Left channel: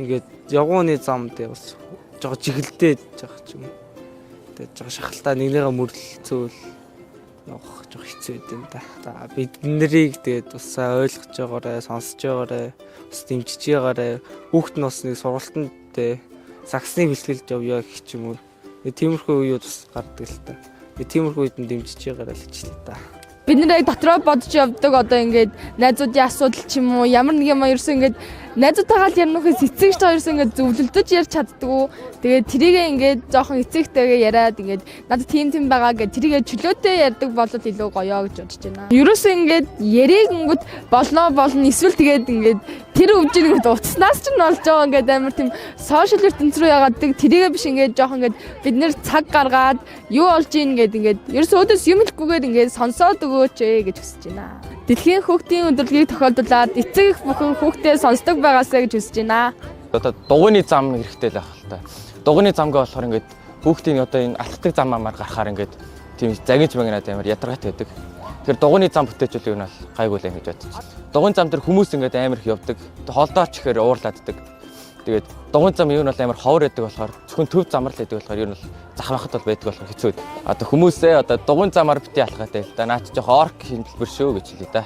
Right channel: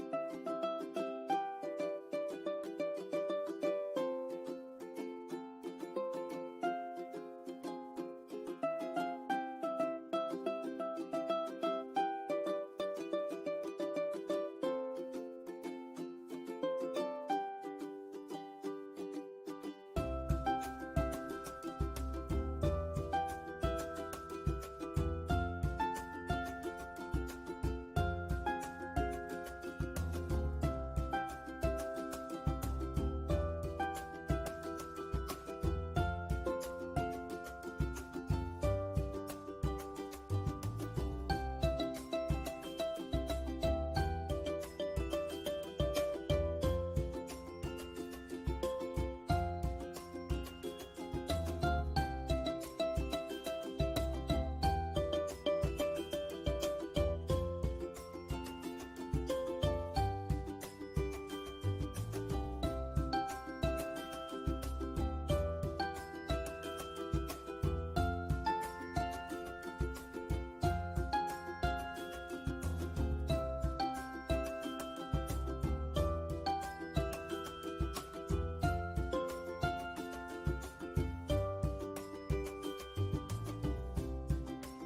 ингээд явгууны зам дээр бас жоо чиглэлдээд байгаа ч юм. Тэгээд жоо шахалтаа нэгнийгээ мөрлөлцөөл явах жоо хэцүү байд юм да. За бид нарыг тэгээд бас ойлгож байгаарай, сонсож байгаарай, бас дэмжиж байгаарай. Хүүхэд нь бас нэг сургалтанд саксны бэлтгэлд явъя гэх юм уу. Тиймэрхүү үеуд бас гардаг л та. Тиймэрхүү үед нь дэмжиж байгаарай л ч л та. Бид нэр дотроо бодож явдаг одоо ингээд найзуудын асуудал ч юм уу ямар нэг юм ерөөсөө ингээд найзуудтайгаа л ярихнаас эцэгч та ерөөсөө ингээд зөвлөлдөж ярьж чаддгүй. Тэгээд тэрийгээ ингээд жоохон эцэгтэйгээ яриад ингээд надад тийм байгаа гэж тэрийгээ чөлөөтэй ярьдаг болоод илүү гоёо гэж бодож байна. Ерөөсөө ингээд ярингууд болно эсвэл тэгээд ингээд тэр өвжинийг утаснаас ч нь болж байгаа ингээд амар тийм сошиал ертөнц рүү яагадаг тэрийгээ биш ингээд жоохон ингээд бид нэр цаг гаргаад юу болж ийн ингээд ерөөсөө өдөөс юм хэлэхгүйгээр ингээд сонсоод өгөөч гэж хүсэж байна. Дэлхийн хүүхдийн өдрөлгийг тохиолдуулаад эцэг их бүхэн хүүхдээ сонсдог байгаасаа гэж хүсэж байна. Одоо дугуйны зам хэрэгтэй л байх л та. Дугуйны замгаа болохоор ингээд хүүхдийн одоо энэ алтдаг замаар гарахаар ингээд тийм загинж магнаад амар ядаргаатай байдаг. Тэгэхээр дугуйны зам бүтээчүүл юм бол гайгүй л юм гэж бодчих. Дугуйн зам дээр хүмүүс ингээд амар их явдаг. Холдооч ихээр уурлааддаг. Тэгээд дугуйн зам юу нь бол амар ховор байдаг болохоор зөвхөн төв замар л байдаг болохоор юу нь бол захрахад бол байдаг болохоор хэцүү. Одоо хүмүүсээ одоо дугуйн замаар бити алхаатай л да. Наад жоох орк хэлбэр шүү гэж хэлээ да.